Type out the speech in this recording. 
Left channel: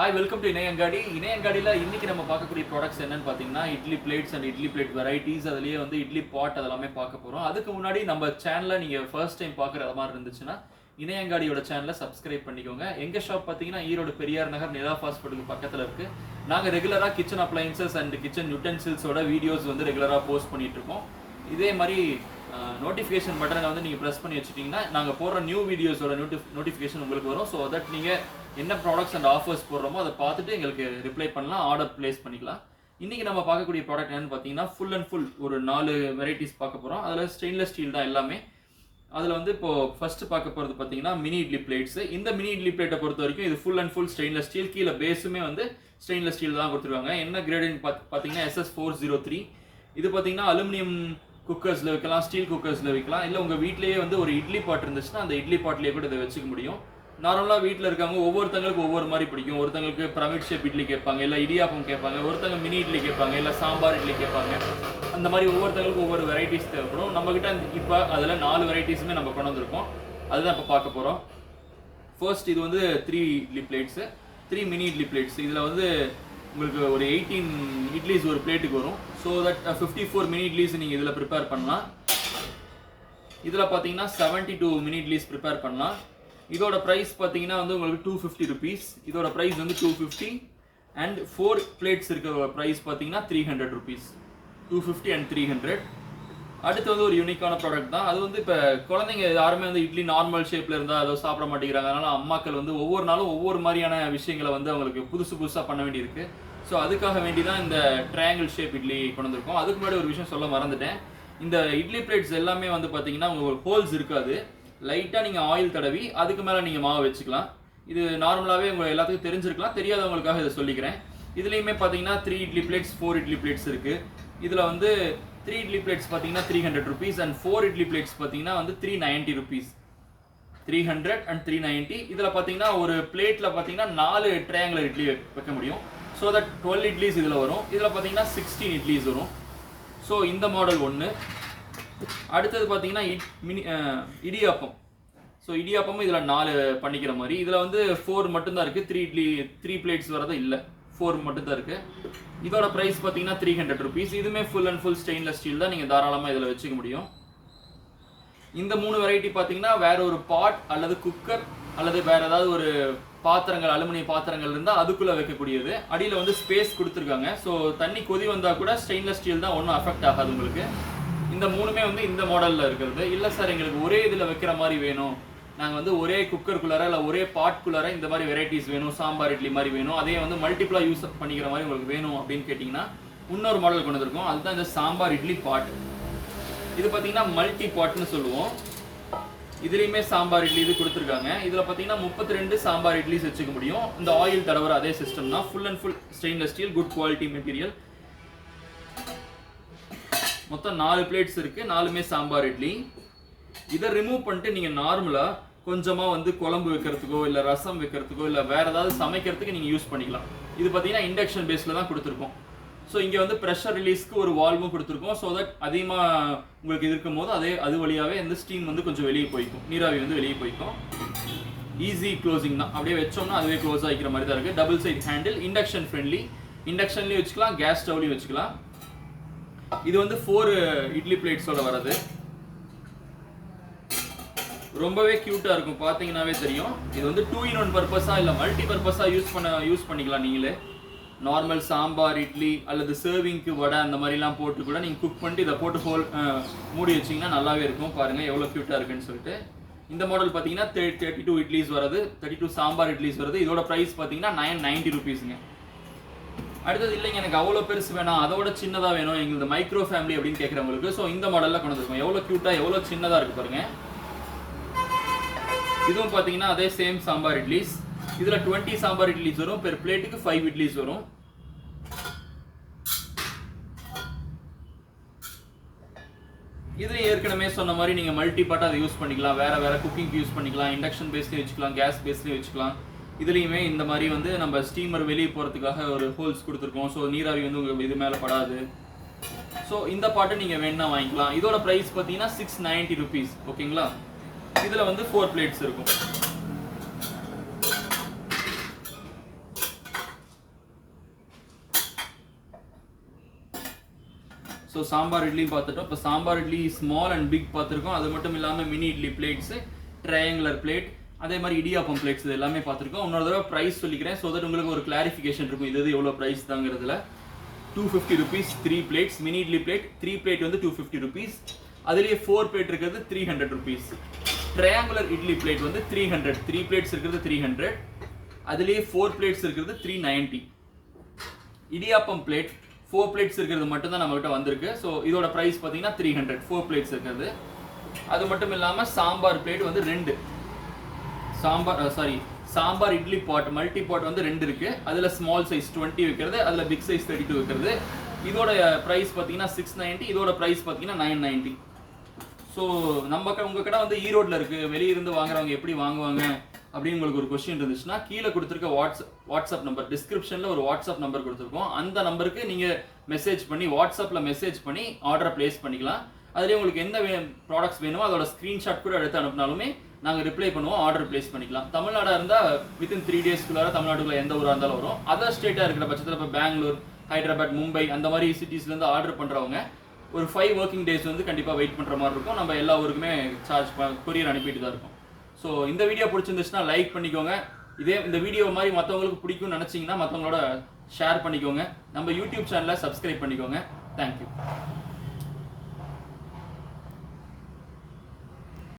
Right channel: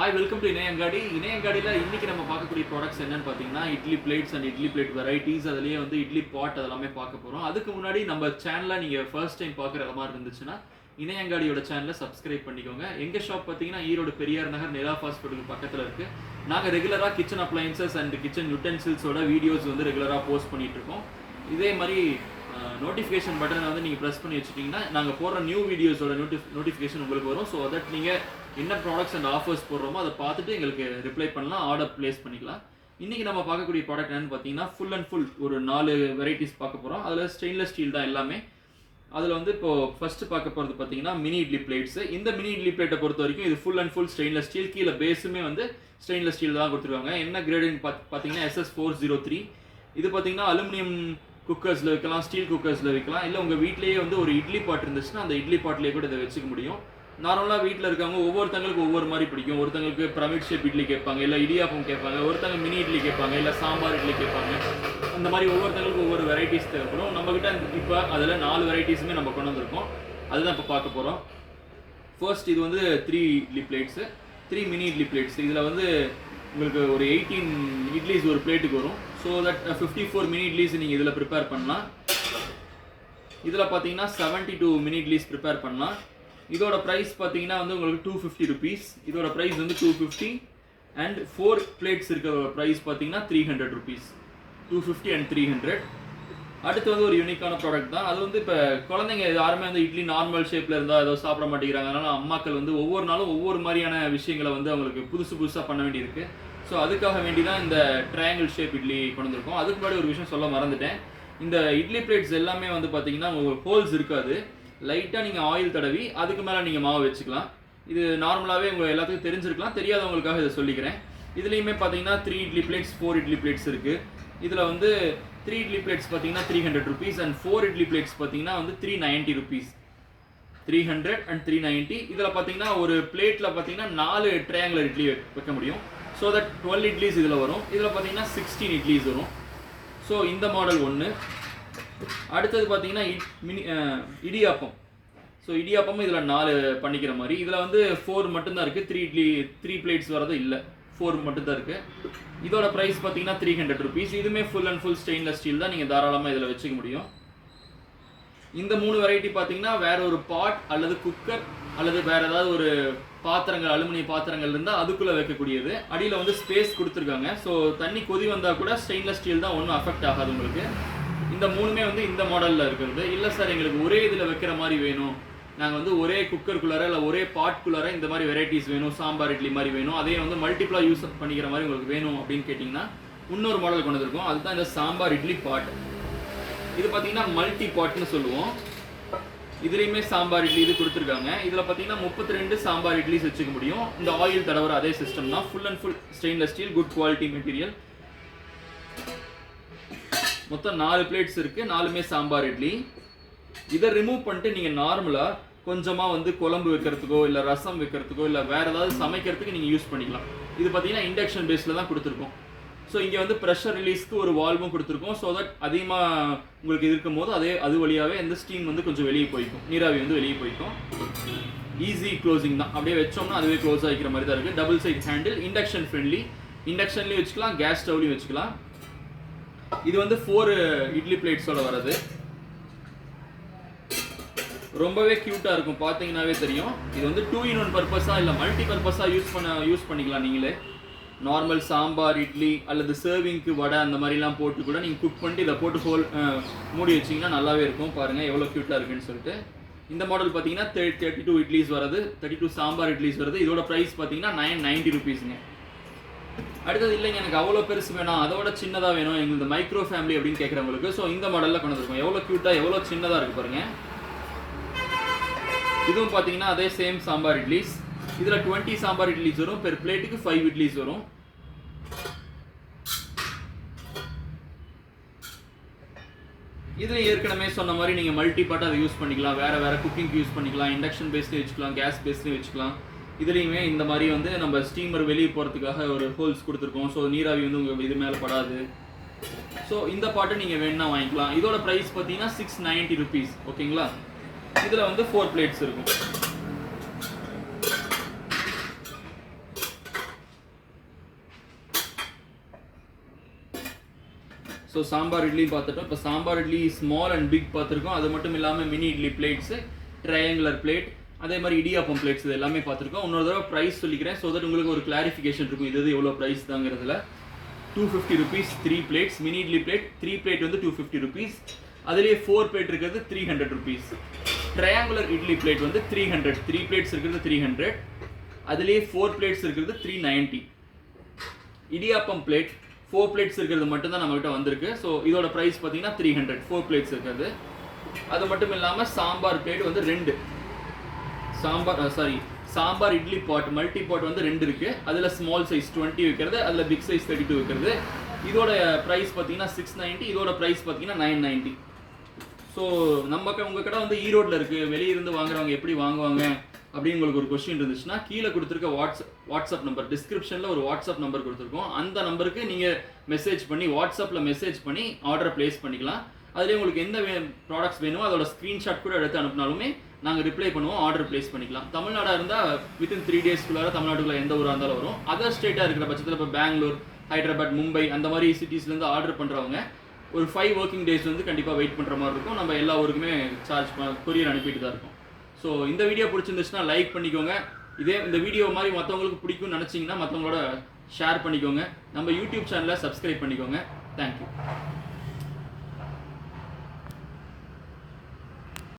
Hi, welcome to Inaiyangadi. இணையங்காடியில் இன்றைக்கி நம்ம பார்க்கக்கூடிய ப்ராடக்ட்ஸ் என்னென்னு பார்த்தீங்கன்னா, idli plates and idli plate varieties, அதுலேயே வந்து இட்லி பாட் அதெல்லாமே பார்க்க போகிறோம். அதுக்கு முன்னாடி நம்ம சேனலில் நீங்கள் ஃபர்ஸ்ட் டைம் பார்க்குற மாதிரி இருந்துச்சுன்னா இணையங்காடியோட சேனலை சப்ஸ்கிரைப் பண்ணிக்கோங்க. எங்கள் ஷாப் பார்த்தீங்கன்னா ஈரோடு பெரியார் நகர் நிலா ஹாஸ்பிட்டலுக்கு பக்கத்தில் இருக்குது. நாங்கள் ரெகுலராக கிச்சன் அப்ளையன்சஸ் அண்ட் கிச்சன் யூட்டென்சில்ஸோட வீடியோஸ் வந்து ரெகுலராக போஸ்ட் பண்ணிகிட்ருக்கோம். இதே மாதிரி நோட்டிஃபிகேஷன் பட்டனை வந்து நீங்கள் ப்ரெஸ் பண்ணி வச்சுட்டிங்கன்னா நாங்கள் போடுற நியூ வீடியோஸோட நோட்டிஃபிகேஷன் உங்களுக்கு வரும். ஸோ தட் நீங்கள் என்ன ப்ராடக்ட்ஸ் அண்ட் ஆஃபர்ஸ் போடுறோமோ அதை பார்த்துட்டு எங்களுக்கு ரிப்ளை பண்ணலாம், ஆர்டர் ப்ளேஸ் பண்ணிக்கலாம். இன்றைக்கி நம்ம பார்க்கக்கூடிய ப்ராடக்ட் என்னென்னு பார்த்தீங்கன்னா, ஃபுல் அண்ட் ஃபுல் ஒரு 4 வெரைட்டிஸ் பார்க்க போகிறோம். அதில் ஸ்டெயின்லெஸ் ஸ்டீல் தான் எல்லாமே. அதில் வந்து இப்போது ஃபஸ்ட்டு பார்க்க போகிறது பார்த்தீங்கன்னா மினி இட்லி பிளேட்ஸு. இந்த மினி இட்லி பிளேட்டை பொறுத்த வரைக்கும் இது full and full stainless steel. கீழே பேஸுமே வந்து ஸ்டெயின்லெஸ் ஸ்டீல் தான் கொடுத்துருவாங்க. என்ன கிரேடிங் பார்த்தீங்கன்னா SS403. இது பார்த்தீங்கன்னா அலுமினியம் குக்கர்ஸில் வைக்கலாம், ஸ்டீல் குக்கர்ஸில் வைக்கலாம். இல்லை உங்கள் வீட்லேயே வந்து ஒரு இட்லி பாட் இருந்துச்சுன்னா அந்த இட்லி பாட்லேயே கூட இதை வச்சுக்க முடியும். நார்மலாக வீட்டில் இருக்கவங்க ஒவ்வொருத்தங்களுக்கு ஒவ்வொரு மாதிரி பிடிக்கும். ஒருத்தங்களுக்கு பிரமிட் ஷேப் இட்லி கேட்பாங்க, இல்லை இடியாப்பம் கேட்பாங்க, ஒருத்தங்க மினி இட்லி கேட்பாங்க, இல்லை சாம்பார் இட்லி கேட்பாங்க. அந்த மாதிரி ஒவ்வொருத்தங்களுக்கு ஒவ்வொரு வெரைட்டிஸ் தேவைப்படும். நம்மக்கிட்ட இப்போ அதில் 4 வெரைட்டிஸுமே நம்ம கொண்டு வந்திருக்கோம். அதுதான் இப்போ பார்க்க போகிறோம். ஃபர்ஸ்ட் இது வந்து 3 idli plates, 3 mini idli plates. இதில் வந்து உங்களுக்கு ஒரு 18 இட்லிஸ் ஒரு பிளேட்டுக்கு வரும். ஸோ தட் 54 மினி இட்லிஸ் நீங்கள் இதில் ப்ரிப்பேர் பண்ணலாம். இதில் பார்த்தீங்கன்னா 72 மினி இட்லிஸ் ப்ரிப்பேர் பண்ணலாம். இதோட ப்ரைஸ் பார்த்தீங்கன்னா வந்து உங்களுக்கு 250 ருபீஸ். இதோட ப்ரைஸ் வந்து 250 அண்ட் 4 பிளேட்ஸ் இருக்க ப்ரைஸ் பார்த்தீங்கன்னா 300 ருபீஸ். 250 அண்ட் 300. அடுத்து வந்து ஒரு யூனிக்கான ப்ராடக்ட் தான். அது வந்து இப்போ குழந்தைங்க யாருமே வந்து இட்லி நார்மல் ஷேப்பில் இருந்தால் அதை சாப்பிட மாட்டேங்கிறாங்க. அதனால் அம்மாக்கள் வந்து ஒவ்வொரு நாளும் ஒவ்வொரு மாதிரியான விஷயங்களை வந்து அவங்களுக்கு புதுசாக பண்ண வேண்டியிருக்கு. ஸோ அதுக்காக வேண்டி தான் இந்த ட்ரையாங்கிள் ஷேப் இட்லி கொண்டு வந்திருக்கோம். அதுக்கு முன்னாடி ஒரு விஷயம் சொல்ல மறந்துட்டேன். இந்த இட்லி பிளேட்ஸ் எல்லாமே வந்து பார்த்தீங்கன்னா உங்களுக்கு ஹோல்ஸ் இருக்காது. லைட்டாக நீங்கள் ஆயில் தடவி அதுக்கு மேலே நீங்கள் மாவு வச்சுக்கலாம். இது நார்மலாகவே உங்களுக்கு எல்லாத்துக்கும் தெரிஞ்சிருக்கலாம், தெரியாதவங்களுக்காக இதை சொல்லிக்கிறேன். இதுலேயுமே பார்த்தீங்கன்னா 3 இட்லி பிளேட்ஸ், 4 இட்லி பிளேட்ஸ் இருக்குது. இதில் வந்து 3 இட்லி பிளேட்ஸ் பார்த்தீங்கன்னா 300 ருபீஸ் அண்ட் 4 இட்லி பிளேட்ஸ் பார்த்தீங்கன்னா வந்து 390 ருபீஸ். 300 அண்ட் 390. இதில் பார்த்தீங்கன்னா ஒரு பிளேட்டில் பார்த்தீங்கன்னா 4 ட்ரையாங்குலர் இட்லி வைக்க முடியும். ஸோ தட் 12 இட்லிஸ் இதில் வரும். இதில் பார்த்தீங்கன்னா 16 இட்லிஸ் வரும். ஸோ இந்த மாடல் ஒன்று. அடுத்தது பார்த்தீங்கன்னா இடியாப்பம். ஸோ இடியாப்பமும் இதில் 4 பண்ணிக்கிற மாதிரி. இதில் வந்து 4 மட்டும்தான் இருக்குது. 3 பிளேட்ஸ் வரது இல்லை, 4 மட்டும்தான் இருக்குது. இதோட ப்ரைஸ் பார்த்தீங்கன்னா 300 ருபீஸ். இதுவுமே full and full stainless steel தான். நீங்கள் தாராளமாக இதில் வச்சுக்க முடியும். இந்த 3 வெரைட்டி பார்த்தீங்கன்னா வேற ஒரு பாட் அல்லது குக்கர் அல்லது வேற ஏதாவது ஒரு பாத்திரங்கள், அலுமினிய பாத்திரங்கள் இருந்தால் அதுக்குள்ளே வைக்கக்கூடியது. அடியில் வந்து ஸ்பேஸ் கொடுத்துருக்காங்க. ஸோ தண்ணி கொதி வந்தால் கூட ஸ்டெயின்லெஸ் ஸ்டீல் தான், ஒன்றும் அஃபெக்ட் ஆகாது உங்களுக்கு. இந்த 3மே வந்து இந்த மாடலில் இருக்கிறது. இல்லை சார் எங்களுக்கு ஒரே இதில் வைக்கிற மாதிரி வேணும், நாங்கள் வந்து ஒரே குக்கருக்குள்ளார இல்லை ஒரே பாட்குள்ளார இந்த மாதிரி வெரைட்டிஸ் வேணும், சாம்பார் இட்லி மாதிரி வேணும், அதே வந்து மல்டிப்ளாக யூஸ் பண்ணிக்கிற மாதிரி உங்களுக்கு வேணும் அப்படின்னு கேட்டிங்கன்னா இன்னொரு மாடல் கொண்டு வந்திருக்கோம். அதுதான் இந்த சாம்பார் இட்லி பாட். இது பார்த்தீங்கன்னா மல்டி பாட்னு சொல்லுவோம். இதுலேயுமே சாம்பார் இட்லி இது கொடுத்துருக்காங்க. இதில் பார்த்தீங்கன்னா 32 சாம்பார் இட்லிஸ் வச்சுக்க முடியும். இந்த ஆயில் தடவுற அதே சிஸ்டம் தான். Full and full stainless steel, good quality material. மொத்தம் 4 பிளேட்ஸ் இருக்குது, 4மே சாம்பார் இட்லி. இதை ரிமூவ் பண்ணிட்டு நீங்கள் நார்மலாக கொஞ்சமாக வந்து குழம்பு வைக்கிறதுக்கோ இல்லை ரசம் வைக்கிறதுக்கோ இல்லை வேறு ஏதாவது சமைக்கிறதுக்கு நீங்கள் யூஸ் பண்ணிக்கலாம். இது பார்த்தீங்கன்னா இண்டக்ஷன் பேஸில் தான் கொடுத்துருக்கோம். ஸோ இங்கே வந்து ப்ரெஷர் ரிலீஸ்க்கு ஒரு வால்வும் கொடுத்துருக்கோம். ஸோ தட் அதிகமாக உங்களுக்கு இருக்கும் போது அது வழியாகவே இந்த ஸ்டீம் வந்து கொஞ்சம் வெளியே போய்க்கும், நீராவி வந்து வெளியே போய்க்கும். ஈஸி க்ளோசிங் தான். அப்படியே வச்சோம்னா அதுவே க்ளோஸ் ஆகிக்கிற மாதிரி தான் இருக்குது. Double side handle, induction friendly. இண்டக்ஷன்லேயும் வச்சுக்கலாம், கேஸ் ஸ்டவ்லையும் வச்சுக்கலாம். இது வந்து 4 இட்லி பிளேட்ஸோட வரது. ரொம்பவே க்யூட்டாக இருக்கும், பார்த்தீங்கன்னாவே தெரியும். இது வந்து 2-in-1 பர்பஸாக இல்லை மல்டி பர்பஸாக யூஸ் பண்ணிக்கலாம். நீங்களே நார்மல் சாம்பார் இட்லி அல்லது சர்விங்க்கு வடை அந்த மாதிரிலாம் போட்டு கூட நீங்கள் குக் பண்ணிட்டு இதை போட்டு மூடி வச்சிங்கன்னா நல்லாவே இருக்கும். பாருங்கள் எவ்வளோ க்யூட்டாக இருக்குன்னு சொல்லிட்டு. இந்த மாடல் பார்த்தீங்கன்னா 32 இட்லிஸ் வருது, 32 சாம்பார் இட்லிஸ் வருது. இதோட ப்ரைஸ் பார்த்தீங்கன்னா 990 ருபீஸுங்க. அடுத்தது இல்லைங்க எனக்கு அவ்வளோ பெருசு வேணாம், அதோட சின்னதாக வேணும், எங்களுக்கு மைக்ரோ ஃபேமிலி அப்படின்னு கேட்குறவங்களுக்கு ஸோ இந்த மாடலில் கொண்டு வந்துருக்கோம். எவ்வளோ க்யூட்டாக எவ்வளோ சின்னதாக இருக்குது பாருங்கள். இதுவும் பார்த்தீங்கன்னா அதே சேம் சாம்பார் இட்லிஸ். இதில் 20 சாம்பார் இட்லிஸ் வரும். பெர் பிளேட்டுக்கு 5 இட்லிஸ் வரும். இதில் ஏற்கனவே சொன்ன மாதிரி நீங்கள் மல்டி பாட்டாக அதை யூஸ் பண்ணிக்கலாம். வேறு குக்கிங்க்கு யூஸ் பண்ணிக்கலாம். இண்டக்ஷன் பேஸ்லேயும் வச்சுக்கலாம், கேஸ் பேஸ்லேயும் வச்சுக்கலாம். இதுலேயுமே இந்த மாதிரி வந்து நம்ம ஸ்டீமர் வெளியே போகிறதுக்காக ஒரு ஹோல்ஸ் கொடுத்துருக்கோம். ஸோ நீராவி வந்து உங்களுக்கு இது மேலே படாது. ஸோ இந்த பாட்டு நீங்கள் வேணுன்னா வாங்கிக்கலாம். இதோட ப்ரைஸ் பார்த்தீங்கன்னா 690 ருபீஸ். ஓகேங்களா. இதில் வந்து 4 பிளேட்ஸ் இருக்கும். ஸோ சாம்பார் இட்லி பார்த்துட்டோம். இப்போ sambar idli small and big பார்த்துருக்கோம். அது மட்டும் இல்லாமல் mini idli plates, triangular plate, அதே மாதிரி இடியாப்பம் பிளேட்ஸ் இது எல்லாமே பார்த்துருக்கோம். இன்னொரு தடவை ப்ரைஸ் சொல்லிக்கிறேன், ஸோ தட் உங்களுக்கு ஒரு கிளாரிஃபிகேஷன் இருக்கும் இது எவ்வளோ ப்ரைஸ் தாங்கிறதுல. 250 rupees 3 plates. Mini idli plate 3 plate வந்து 250 rupees. அதுலேயே 4 plate இருக்கிறது 300 rupees. ட்ரையாங்குலர் இட்லி பிளேட் வந்து 300, 3 plates இருக்கிறது 300, அதுலேயே 4 plates இருக்கிறது 390. இடியாப்பம் பிளேட் 4 plates இருக்கிறது மட்டும்தான் நம்மகிட்ட வந்திருக்கு. ஸோ இதோட ப்ரைஸ் பார்த்தீங்கன்னா 300, 4 plates இருக்கிறது. அது மட்டும் இல்லாமல் சாம்பார் பிளேட் வந்து 2, சாம்பார் இட்லி பாட் மல்டி பாட் வந்து 2 இருக்குது. அதில் ஸ்மால் சைஸ் 20 வைக்கிறது, அதில் பிக் சைஸ் 32 வைக்கிறது. இதோட ப்ரைஸ் பார்த்தீங்கன்னா 690, இதோட ப்ரைஸ் பார்த்தீங்கன்னா 990. ஸோ உங்கள் கடை வந்து ஈரோட்டில் இருக்குது, வெளியிருந்து வாங்குறவங்க எப்படி வாங்குவாங்க அப்படின்னு உங்களுக்கு ஒரு கொஸ்டின் இருந்துச்சுன்னா கீழே கொடுத்துருக்க வாட்ஸ்அப் நம்பர், டிஸ்கிரிப்ஷனில் ஒரு வாட்ஸ்அப் நம்பர் கொடுத்துருக்கோம். அந்த நம்பருக்கு நீங்கள் மெசேஜ் பண்ணி, வாட்ஸ்அப்பில் மெசேஜ் பண்ணி ஆர்டரை ப்ளேஸ் பண்ணிக்கலாம். அதுலேயே உங்களுக்கு என்ன ப்ராடக்ட்ஸ் வேணுமோ அதோட ஸ்க்ரீன்ஷாட் கூட எடுத்து அனுப்பினாலுமே நாங்கள் ரிப்ளை பண்ணுவோம், ஆர்டர் ப்ளேஸ் பண்ணிக்கலாம். தமிழ்நாடாக இருந்தால் வித்தின் 3 daysக்குள்ளார தமிழ்நாட்டுக்குள்ள எந்த ஊராக இருந்தாலும் வரும். அதர் ஸ்டேட்டாக இருக்கிற பட்சத்தில் இப்போ பெங்களூர், ஹைதராபாத், மும்பை அந்த மாதிரி சிட்டிஸ்லேருந்து ஆர்டர் பண்ணுறவங்க ஒரு 5 working days வந்து கண்டிப்பாக வெயிட் பண்ணுற மாதிரி இருக்கும். நம்ம எல்லா ஊருக்குமே கொரியர் அனுப்பிட்டு தான் இருக்கும். ஸோ இந்த வீடியோ பிடிச்சிருந்துச்சுன்னா லைக் பண்ணிக்கோங்க. இந்த வீடியோ மாதிரி மற்றவங்களுக்கு பிடிக்கும்னு நினச்சிங்கன்னா மற்றவங்களோட ஷேர் பண்ணிக்கோங்க. நம்ம யூடியூப் சேனலை சப்ஸ்கிரைப் பண்ணிக்கோங்க. தேங்க்யூ.